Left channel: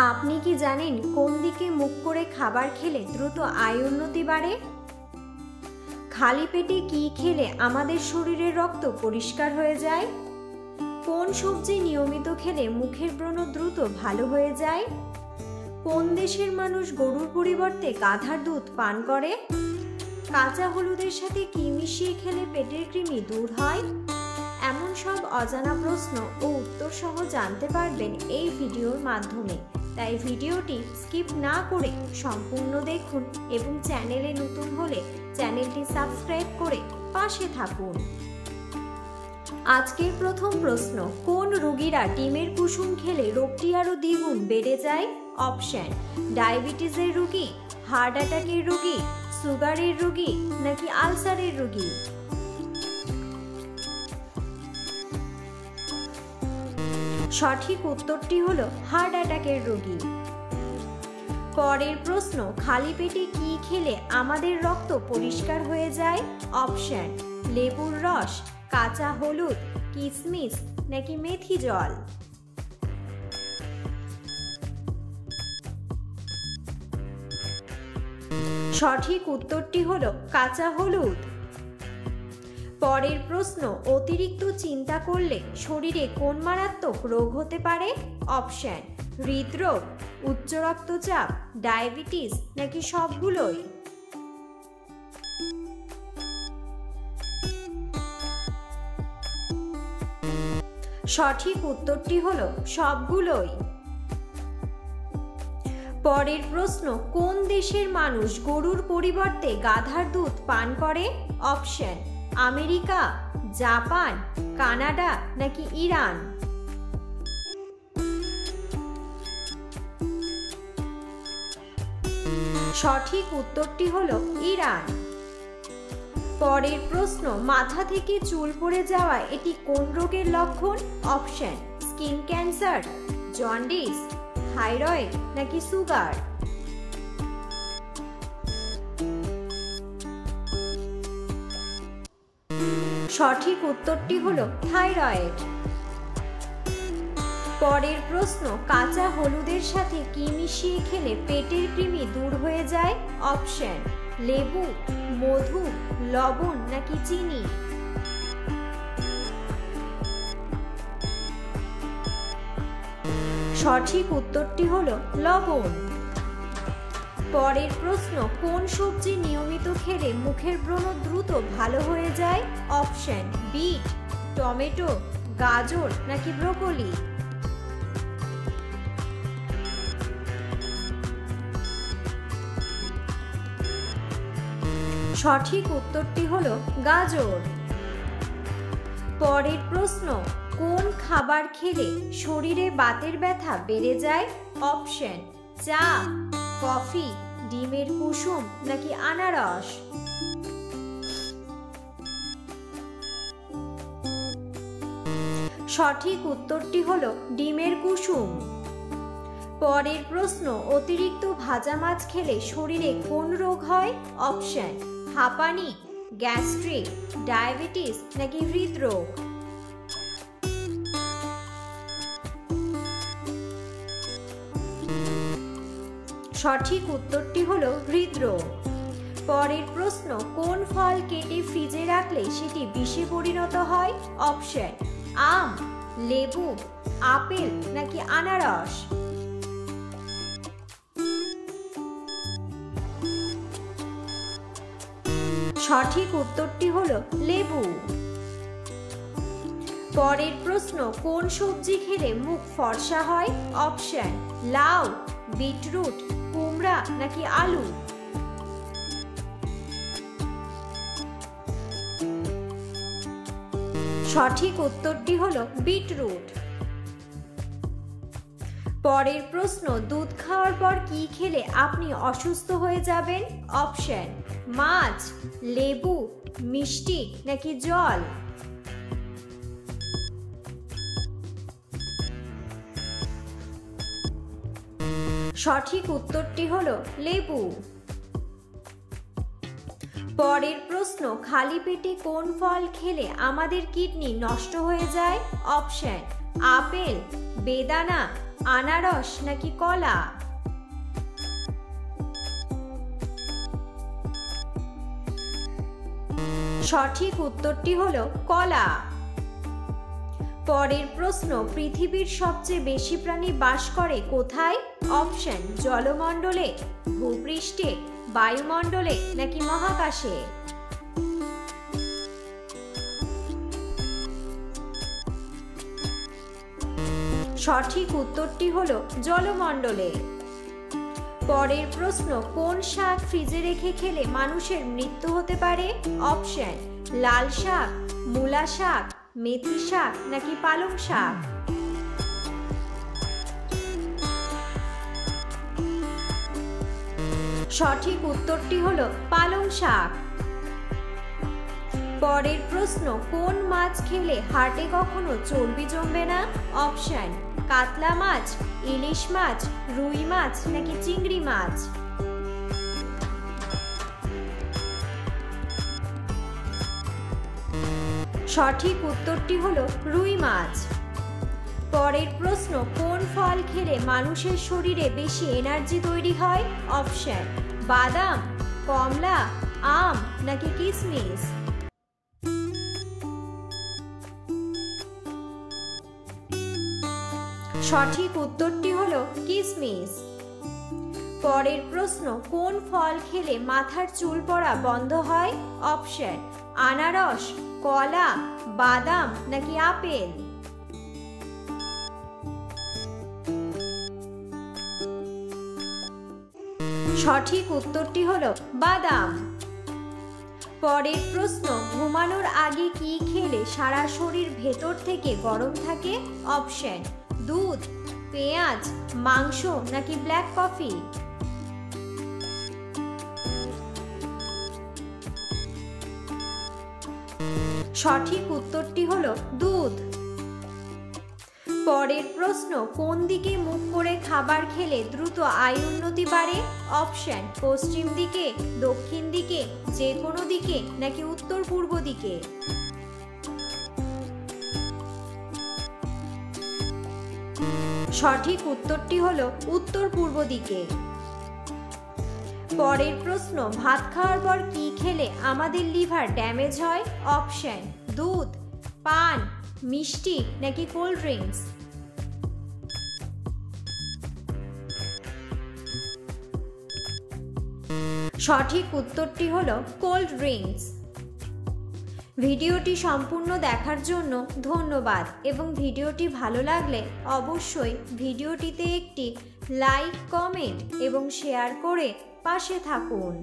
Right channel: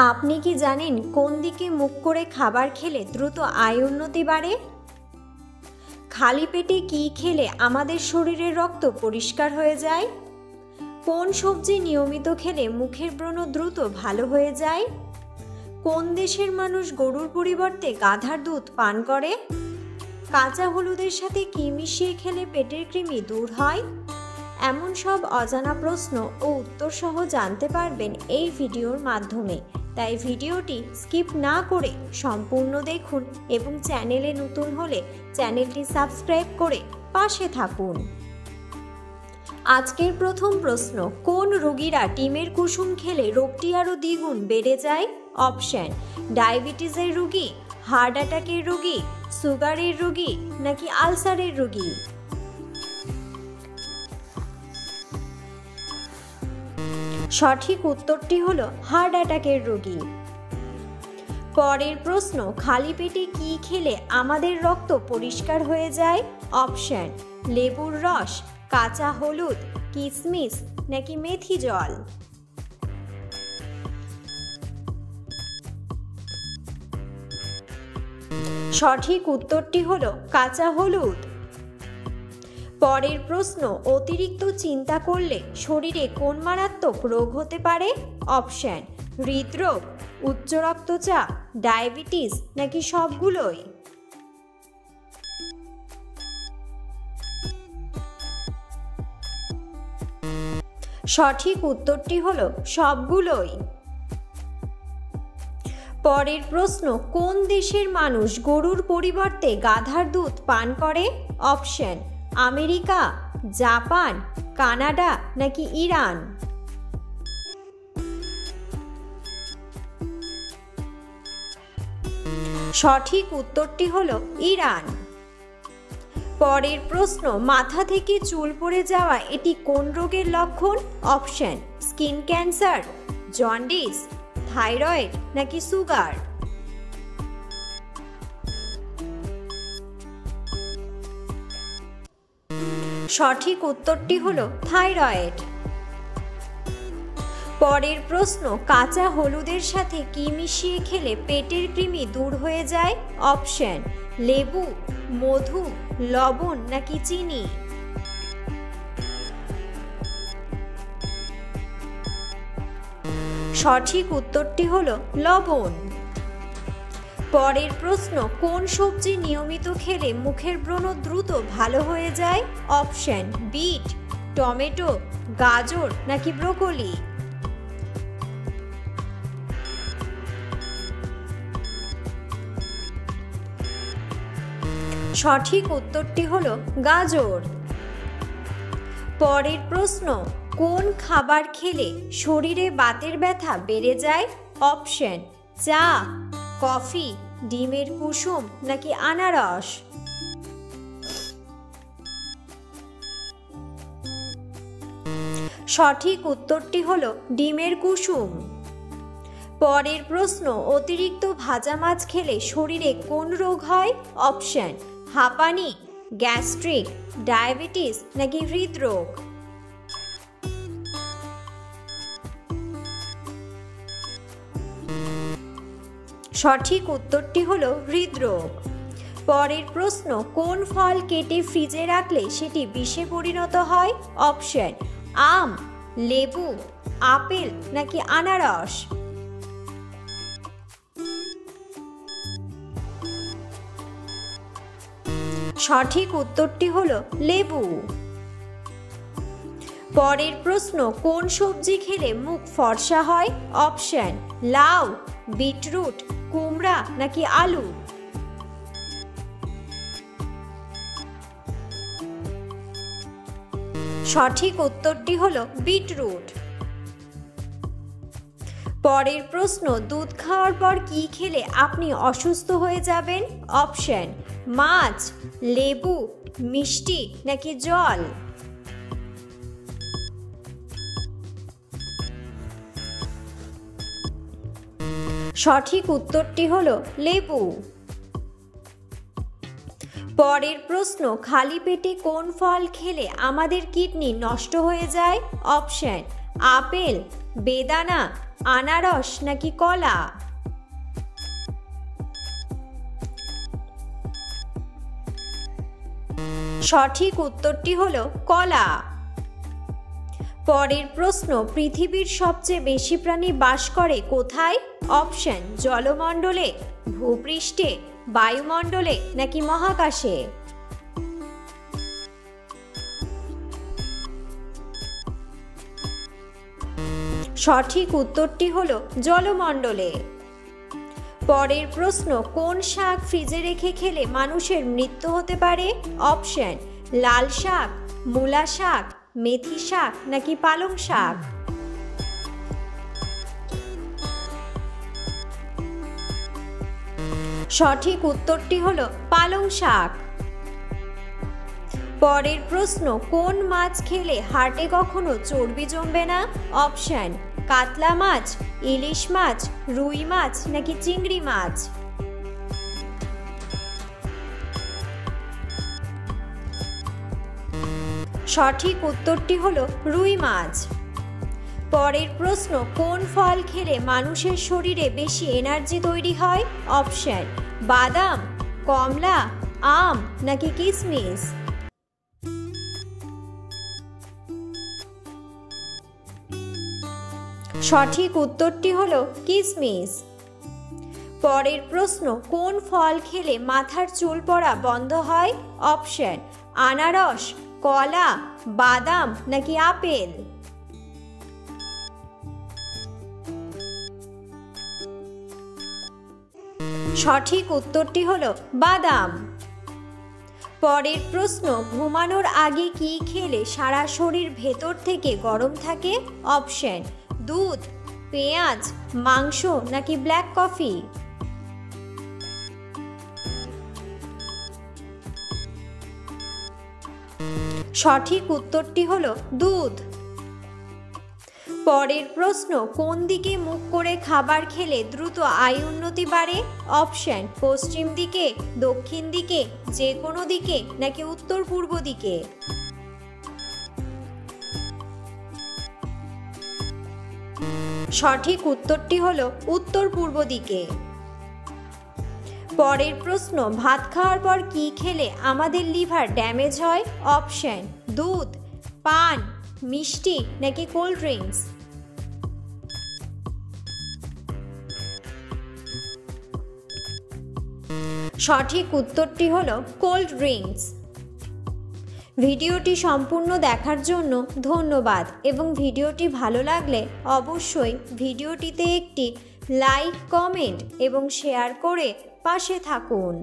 আপনি কি জানেন কোন দিকে মুখ করে খাবার খেলে দ্রুত আয় উন্নতি বাড়ে? খালি পেটে কি খেলে আমাদের শরীরের রক্ত পরিষ্কার হয়ে যায়? কোন সবজি নিয়মিত খেলে মুখের ব্রণ দ্রুত ভালো হয়ে যায়? কোন দেশের মানুষ গরুর পরিবর্তে গাধার দুধ পান করে? কাঁচা হলুদের সাথে কি মিশিয়ে খেলে পেটের কৃমি দূর হয়? এমন সব অজানা প্রশ্ন ও উত্তর সহ জানতে পারবেন এই ভিডিওর মাধ্যমে। তাই ভিডিওটি স্কিপ না করে সম্পূর্ণ দেখুন এবং চ্যানেলে নতুন হলে চ্যানেলটি সাবস্ক্রাইব করে পাশে থাকুন। আজকের প্রথম প্রশ্ন, কোন রোগীরা ডিমের কুসুম খেলে রোগটি আরও দ্বিগুণ বেড়ে যায়? অপশন: ডায়াবেটিসের রোগী, হার্ট অ্যাটাকের রোগী, সুগারের রোগী নাকি আলসারের রোগী? সঠিক উত্তরটি হলো হার্ট অ্যাটাকের রোগী। পরের প্রশ্ন, খালি পেটে কি খেলে আমাদের রক্ত পরিষ্কার হয়ে যায়? অপশন: লেবুর রস, কাঁচা হলুদ, কিশমিশ নাকি মেথি জল? সঠিক উত্তরটি হলো কাঁচা হলুদ। পরের প্রশ্ন, অতিরিক্ত চিন্তা করলে শরীরে কোন মারাত্মক রোগ হতে পারে? অপশন: হৃদরোগ, উচ্চ রক্তচাপ, ডায়াবেটিস নাকি সবগুলোই? সঠিক উত্তরটি হলো সবগুলোই। পরের প্রশ্ন, কোন দেশের মানুষ গরুর পরিবর্তে গাধার দুধ পান করে? অপশন: আমেরিকা, জাপান, কানাডা নাকি ইরান? সঠিক উত্তরটি হলো ইরান। পরের প্রশ্ন, মাথা থেকে চুল পড়ে যাওয়া এটি কোন রোগের লক্ষণ? Option: skin cancer, jaundice, thyroid নাকি সুগার? সঠিক উত্তরটি হলো থাইরয়েড। পরের প্রশ্ন, কাঁচা হলুদের সাথে কি মিশিয়ে খেলে পেটের কৃমি দূর হয়ে যায়? অপশন: লেবু, মধু, লবণ নাকি চিনি? সঠিক উত্তরটি হলো লবণ। পরের প্রশ্ন, কোন সবজি নিয়মিত খেলে মুখের ব্রণ দ্রুত ভালো হয়ে যায়? অপশন: বিট, টমেটো, গাজর নাকি ব্রোকলি? সঠিক উত্তরটি হলো গাজর। পরের প্রশ্ন, কোন খাবার খেলে শরীরে বাতের ব্যথা বেড়ে যায়? অপশন: চা, কফি, ডিমের কুসুম নাকি আনারস? সঠিক উত্তরটি হলো ডিমের কুসুম। পরের প্রশ্ন, অতিরিক্ত ভাজা মাছ খেলে শরীরে কোন রোগ হয়? অপশন: হাঁপানি, গ্যাস্ট্রিক, ডায়াবেটিস নাকি হৃদরোগ? সঠিক উত্তরটি হলো হৃদরোগ। পরের প্রশ্ন, কোন ফল কেটে ফ্রিজে রাখলে সেটি বিষে পরিণত হয়? অপশন: আম, লেবু, আপেল নাকি আনারস? সঠিক উত্তরটি হলো লেবু। পরের প্রশ্ন, কোন সবজি খেলে মুখ ফর্সা হয়? অপশন: লাউ, বিটরুট, কুমড়া নাকি আলু? সঠিক উত্তরটি হলো বিটরুট। পরের প্রশ্ন, দুধ খাওয়ার পর কি খেলে আপনি অসুস্থ হয়ে যাবেন? অপশন: মাছ, লেবু, মিষ্টি নাকি জল? সঠিক উত্তরটি হলো লেবু। পরের প্রশ্ন, খালি পেটে কোন ফল খেলে আমাদের কিডনি নষ্ট হয়ে যায়? অপশন আপেল, বেদানা, আনারস নাকি কলা? সঠিক উত্তরটি হলো কলা। পরের প্রশ্ন, পৃথিবীর সবচেয়ে বেশি প্রাণী বাস করে কোথায়? অপশন জলমণ্ডলে, ভূপৃষ্ঠে, বায়ুমণ্ডলে নাকি মহাকাশে? সঠিক উত্তরটি হলো জলমণ্ডলে। পরের প্রশ্ন, কোন শাক ফ্রিজে রেখে খেলে মানুষের মৃত্যু হতে পারে? অপশন লাল শাক, মূলা শাক, মেথি শাক নাকি পালং শাক? সঠিক উত্তরটি হলো পালং শাক। পরের প্রশ্ন, কোন মাছ খেলে হার্টে কখনো চর্বি জমবে না? অপশন কাতলা মাছ, ইলিশ মাছ, রুই মাছ নাকি চিংড়ি মাছ? সঠিক উত্তরটি হলো রুই মাছ। পরের প্রশ্ন, কোন ফল খেলে মানুষের শরীরে বেশি এনার্জি তৈরি হয়? অপশন বাদাম, কমলা, আম নাকি কিশমিশ? সঠিক উত্তরটি হলো কিশমিশ। পরের প্রশ্ন, কোন ফল খেলে মাথার চুল পড়া বন্ধ হয়? অপশন আনারস, কলা, বাদাম নাকি আপেল? সঠিক উত্তরটি হলো বাদাম। পরের প্রশ্ন, ঘুমানোর আগে কি খেলে সারা শরীর ভেতর থেকে গরম থাকে? অপশন দুধ, পেঁয়াজ, মাংস নাকি ব্ল্যাক কফি? সঠিক উত্তরটি হলো দুধ। পরের প্রশ্ন, কোন দিকে মুখ করে খাবার খেলে দ্রুত আয় উন্নতি বাড়ে? অপশন পশ্চিম দিকে, দক্ষিণ দিকে, যে কোনো দিকে নাকি উত্তর পূর্ব দিকে? সঠিক উত্তরটি হলো উত্তর পূর্ব দিকে। পরের প্রশ্ন, ভাত খাওয়ার পর কি খেলে আমাদের লিভার ড্যামেজ হয়? অপশন দুধ, পান, মিষ্টি নাকি কোল্ড ড্রিঙ্কস? সঠিক উত্তরটি হলো কোল্ড ড্রিঙ্কস। ভিডিওটি সম্পূর্ণ দেখার জন্য ধন্যবাদ এবং ভিডিওটি ভালো লাগলে অবশ্যই ভিডিওটিতে একটি লাইক, কমেন্ট এবং শেয়ার করে পাশে থাকুন।